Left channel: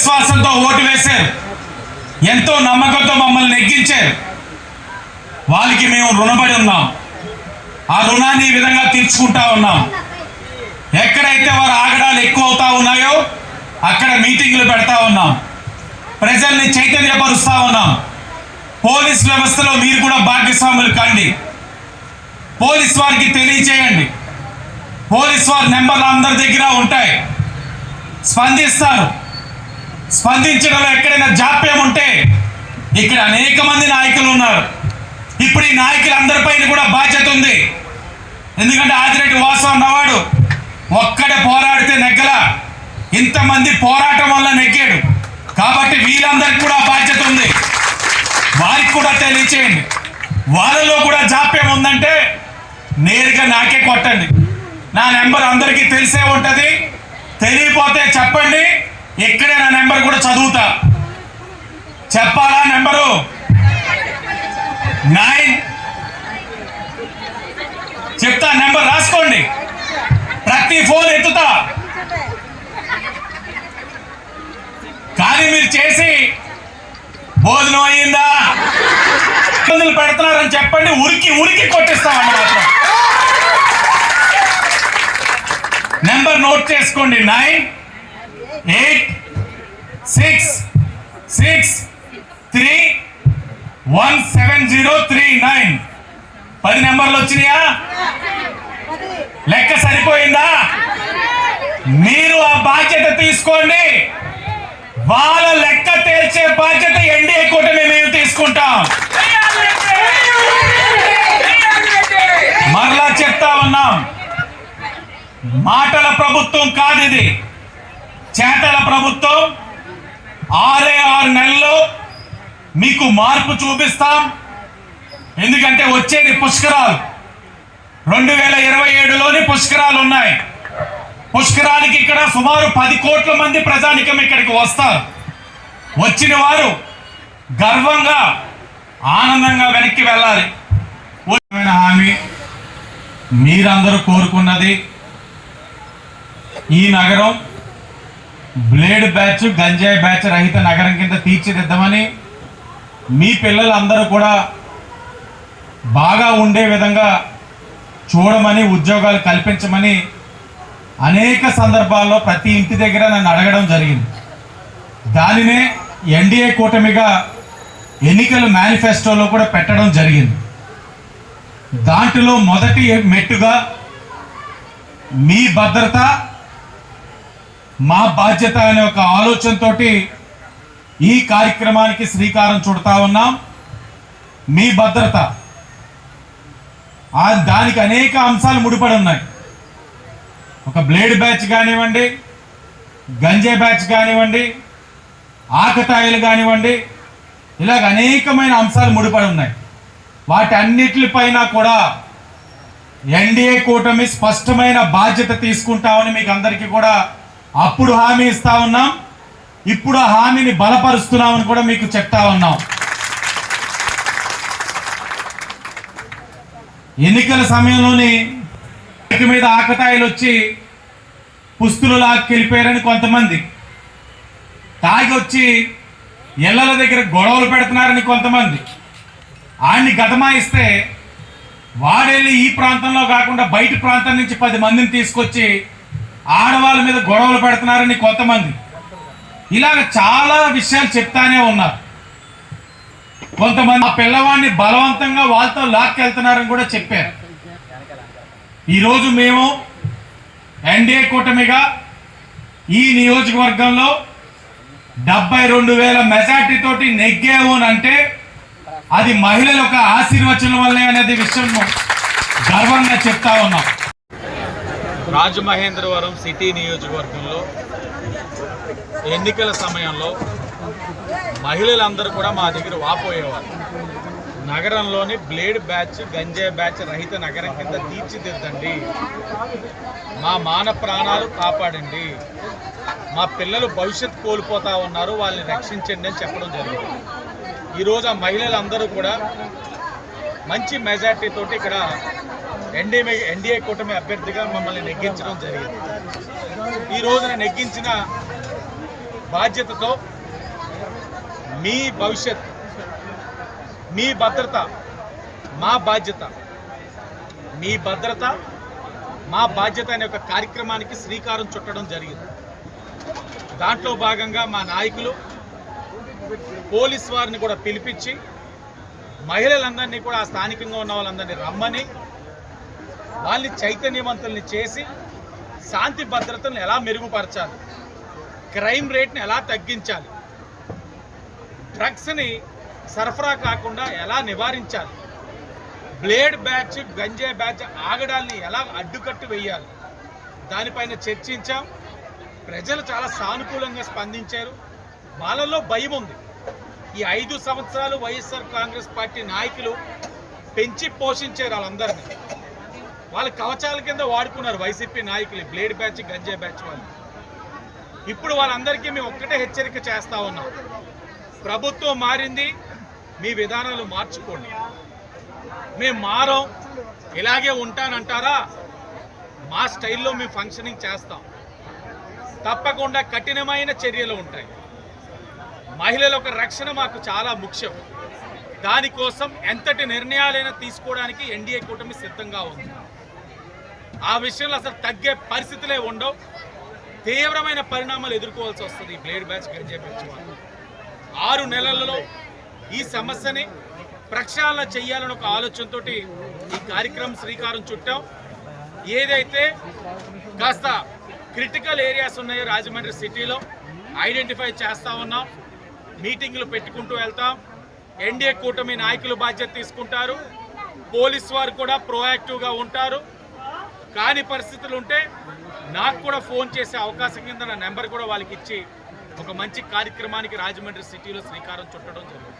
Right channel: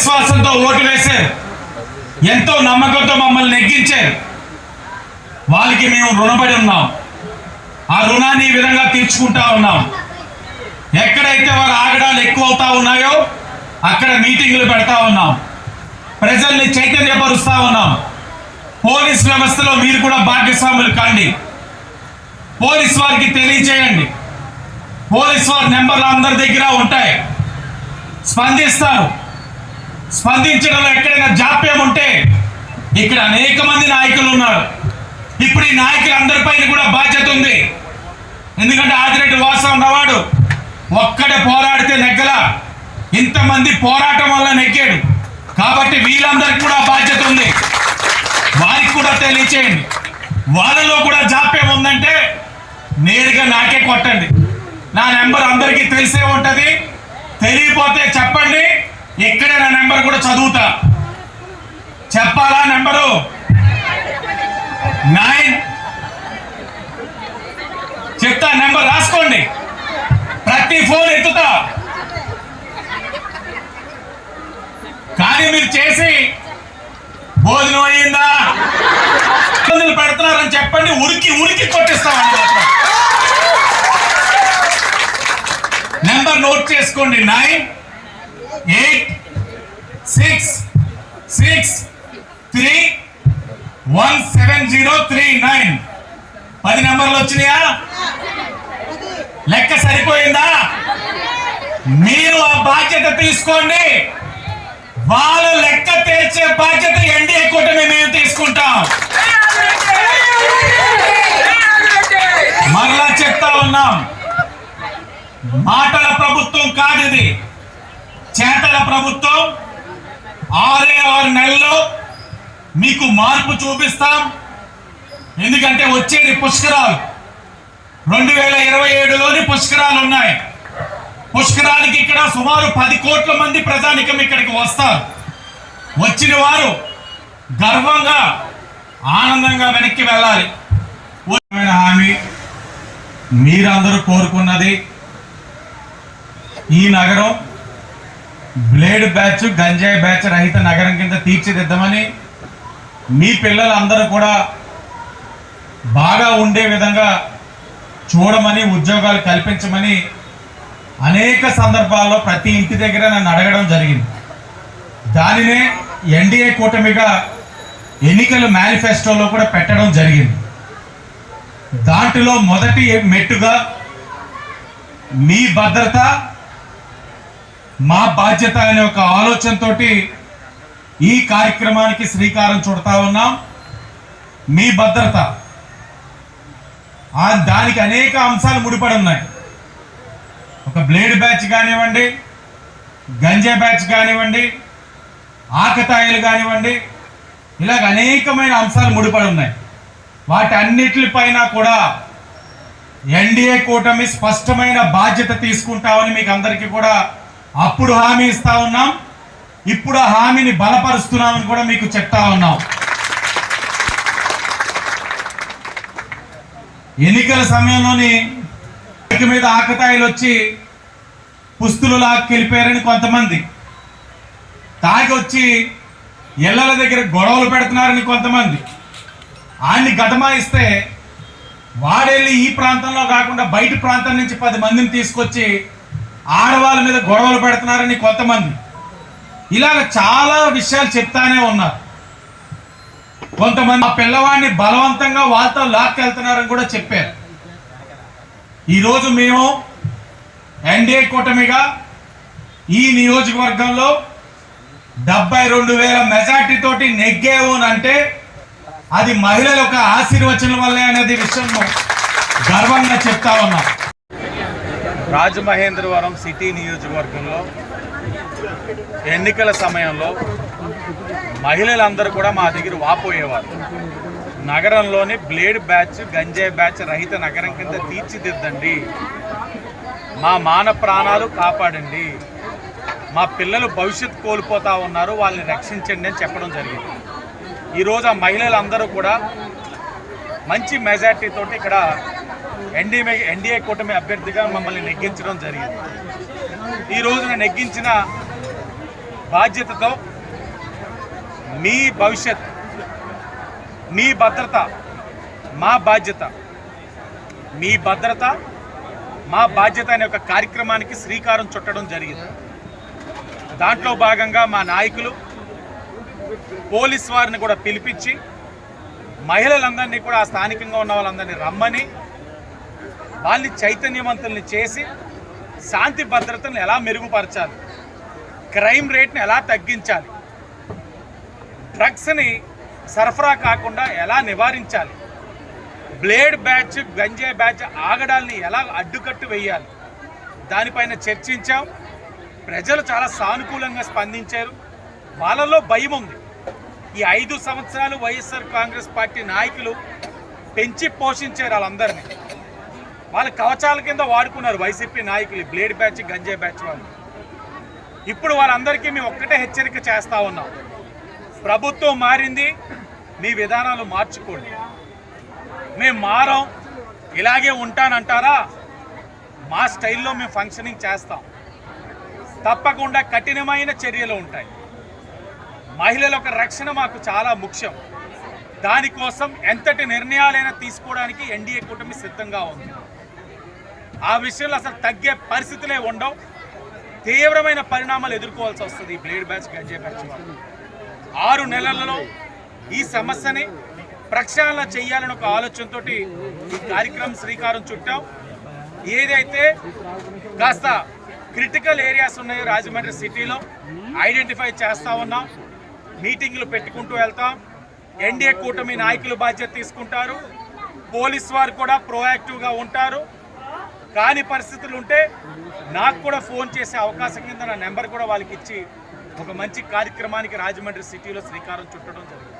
విశ్వాసంతో ఓటు వేశారు, ఎంతో నమ్మకంతో మమ్మల్ని నెగ్గించారు. వాళ్ళకి మేము రుణపడి ఉన్నాం. ఆ రుణాన్ని ఈ విధంగా తీర్చుకుంటా ఉన్నాం. ఎక్కడైతే వారు ఆగడాలు ఎక్కువ అవుతా ఉన్నాయో అక్కడ మీటింగ్లు పెడతా ఉన్నాం, ప్రజల్ని చైతన్యపరుస్తా ఉన్నాం. పోలీస్ వ్యవస్థలో మీరు కూడా భాగస్వాములు కాండి. పోలీస్ వారికి తెలియజేయండి. పోలీస్ వారి నెంబర్లు అందరి దగ్గర ఉంటాయి, స్పందిస్తారు. స్పందించడంలో ఎక్కడైనా జాప్యం ఉంటే ఇక్కడ అనేక మంది నాయకులు ఉన్నారు. ఇప్పుడు ఈ నాయకులందరిపైన కూడా బాధ్యత ఉంది. ఎందుకంటే ఆదిరెడ్డి వాసు అన్నవాడు ఒక్కడే పోరాడితే నెగ్గల, ఇంతమంది పోరాటం వల్ల నెగ్గాడు. కాబట్టి వీళ్ళందరికీ కూడా బాధ్యత ఉంది. వారికి కూడా తెలియచేయండి. వాళ్ళలో కూడా జాప్యం ఉందంటే నేరుగా నాకే కొట్టండి. నా నెంబర్ అందరికీ తెలిసే ఉంటది. తెలియపోతే చెప్పండి, ఇక్కడే నా నెంబర్ కూడా చదువుతా. చెప్పాలా నెంబరు? 9 చెప్తా, నెంబర్ రాసుకోండి. ప్రతి ఫోన్ ఎత్తుతా. కానీ మీరు చేసి భోజనం అయ్యిందా ఇబ్బందులు పెడుతున్నారని చెప్పండి, ఉరికి ఉరికి కొట్టిస్తాను. నెంబర్ నోట్ చేసుకోండి. 9866317039. 10 నెంబర్లు వచ్చినాయా? లెక్క సరిపోయిందా? మీరు ఆ బాధ్యత తీసుకోండి. వాళ్ళ లెక్క తేల్చే బాధ్యత ఎన్డీఏ కూటమి మేము తీసుకుంటాం. మరలా చెప్తా ఉన్నాం, మాటల ప్రభుత్వం కాదు ఇది, చేతల ప్రభుత్వం. 6 నెలల్లో మీకు మార్పు చూపిస్తాం. ఎందుకంటే వచ్చేది పుష్కరాలు. 2027లోని పుష్కరాలు ఉన్నాయి. పుష్కరాలకి ఇక్కడ సుమారు 10 కోట్ల మంది ప్రజానికం ఇక్కడికి వస్తారు. వచ్చిన వారు గర్వంగా ఆనందంగా వెనక్కి వెళ్ళాలి. హామీ మీరందరూ కోరుకున్నది, ఈ నగరం బ్లేడ్ బ్యాచ్, గంజాయి బ్యాచ్ రహిత నగరం కింద తీర్చిదిద్దామని, మీ పిల్లలందరూ కూడా బాగా ఉండే విధంగా చూడమని, ఉద్యోగాలు కల్పించమని అనేక సందర్భాల్లో ప్రతి ఇంటి దగ్గర నన్ను అడగడం జరిగింది. దానినే ఎన్డీఏ కూటమిగా ఎన్నికల మేనిఫెస్టోలో కూడా పెట్టడం జరిగింది. దాంట్లో మొదటి మెట్టుగా మీ భద్రత మా బాధ్యత అనే ఒక ఆలోచనతోటి ఈ కార్యక్రమానికి శ్రీకారం చుడతా ఉన్నాం. మీ భద్రత, దానికి అనేక అంశాలు ముడిపడి ఉన్నాయి. ఒక బ్లేడ్ బ్యాచ్ కానివ్వండి, గంజా బ్యాచ్ కానివ్వండి, ఆకతాయిలు కానివ్వండి, ఇలాగ అనేకమైన అంశాలు ముడిపడి ఉన్నాయి. వాటి అన్నిటిపైన కూడా ఎన్డీఏ కూటమి స్పష్టమైన బాధ్యత తీసుకుంటామని మీకు అందరికీ కూడా అప్పుడు హామీ ఇస్తా ఉన్నాం. ఇప్పుడు ఆ హామీని బలపరుస్తున్నామని కూడా మీకు చెప్తా ఉన్నాం. ఎన్నికల సమయంలోని మీద ఆకతాయిలు వచ్చి పుస్తులు లాక్కెళ్ళిపోయారని కొంతమంది, తాగి వచ్చి ఇళ్ల దగ్గర గొడవలు పెడుతున్నారని కొంతమంది, ఆయన్ని గతమాయిస్తే వాడెళ్ళి ఈ ప్రాంతంలో కాకుండా బయట ప్రాంతం నుంచి 10 మందిని తీసుకొచ్చి ఆడవాళ్ళ మీద గొడవలు పెడుతున్నారని కొంతమంది, ఇలాగ చాలా విషయాలు చెప్తానే ఉన్నారు. కొంతమంది ఆ పిల్లవాడిని బలవంతంగా వాళ్ళతో లాక్కెళ్తున్నారని కూడా చెప్పారు. ఈరోజు మేము ఎన్డీఏ కూటమిగా ఈ నియోజకవర్గంలో 72,000 మెజార్టీ తోటి నెగ్గాము అంటే అది మహిళల యొక్క ఆశీర్వచనం వల్లే అనేది విషయం గర్వంగా చెప్తా ఉన్నాం. రాజమహేంద్రవరం సిటీ నియోజకవర్గంలో ఎన్నికల సమయంలో మహిళలందరూ కూడా మా దగ్గర వాపోయేవారు. నగరంలోని బ్లేడ్ బ్యాచ్, గంజాయి బ్యాచ్ రహిత నగరం కింద తీర్చిదిద్దండి, మా మాన ప్రాణాలు కాపాడండి, మా పిల్లలు భవిష్యత్తు కోల్పోతా ఉన్నారు, వాళ్ళని రక్షించండి అని చెప్పడం జరిగింది. ఈరోజు ఆ మహిళలందరూ కూడా మంచి మెజార్టీతోటి ఇక్కడ ఎన్డీఏ కూటమి అభ్యర్థిగా మమ్మల్ని నెగ్గించడం జరిగింది. ఈ రోజున నెగ్గించిన బాధ్యతతో మీ భవిష్యత్, మీ భద్రత మా బాధ్యత, మీ భద్రత మా బాధ్యత అనే ఒక కార్యక్రమానికి శ్రీకారం చుట్టడం జరిగింది. దాంట్లో భాగంగా మా నాయకులు పోలీస్ వారిని కూడా పిలిపించి మహిళలందరినీ కూడా స్థానికంగా ఉన్న వాళ్ళందరినీ రమ్మని వాళ్ళని చైతన్యవంతుల్ని చేసి శాంతి భద్రతను ఎలా మెరుగుపరచాలి, క్రైమ్ రేట్ని ఎలా తగ్గించాలి, డ్రగ్స్ని సరఫరా కాకుండా ఎలా నివారించాలి, బ్లేడ్ బ్యాచ్ గంజాయి బ్యాచ్ ఆగడాల్ని ఎలా అడ్డుకట్టు వేయాలి, దానిపైన చర్చించాం. ప్రజలు చాలా సానుకూలంగా స్పందించారు. వాళ్ళలో భయం ఉంది. ఈ 5 సంవత్సరాలు వైఎస్ఆర్ కాంగ్రెస్ పార్టీ నాయకులు పెంచి పోషించారు వాళ్ళందరినీ. వాళ్ళు కవచాల కింద వాడుకున్నారు వైసీపీ నాయకులు, బ్లేడ్ బ్యాచ్ గంజాయి బ్యాచ్ వాళ్ళు. ఇప్పుడు వాళ్ళందరికీ మేము ఒక్కటే హెచ్చరిక చేస్తూ ఉన్నాం, ప్రభుత్వం మారింది, మీ విధానాలు మార్చుకోండి. మేము మారం, ఇలాగే ఉంటానంటారా, మా స్టైల్లో మేము ఫంక్షనింగ్ చేస్తాం. తప్పకుండా కఠినమైన చర్యలు ఉంటాయి. మహిళల యొక్క రక్షణ మాకు చాలా ముఖ్యం. దానికోసం ఎంతటి నిర్ణయాలైనా తీసుకోవడానికి ఎన్డీఏ కూటమి సిద్ధంగా ఉంది. ఆ విషయంలో అసలు తగ్గే పరిస్థితులే ఉండవు. తీవ్రమైన పరిణామాలు ఎదుర్కోవాల్సి వస్తుంది ఈ బ్లేడ్ బ్యాచ్ గంజాయి బ్యాచ్ వాళ్ళు. 6 నెలలలో ఈ సమస్యని ప్రక్షాళన చేయాలని ఒక ఆలోచనతో ఈ కార్యక్రమం శ్రీకారం చుట్టాం. ఏదైతే కాస్త క్రిటికల్ ఏరియాస్ ఉన్నాయో రాజమండ్రి సిటీలో ఐడెంటిఫై చేస్తూ ఉన్నాం. మీటింగ్లు పెట్టుకుంటూ వెళ్తాం. ఎన్డీఏ కూటమి నాయకులు బాధ్యత తీసుకుంటారు. పోలీస్ వారు కూడా ప్రోయాక్టివ్గా ఉంటారు. కాని పరిస్థితులు ఉంటే నాకు కూడా ఫోన్ చేసే అవకాశం కింద నా నెంబర్ కూడా వాళ్ళకి ఇచ్చి ఒక మంచి కార్యక్రమానికి రాజమండ్రి సిటీలో శ్రీకారం చుట్టడం జరిగింది.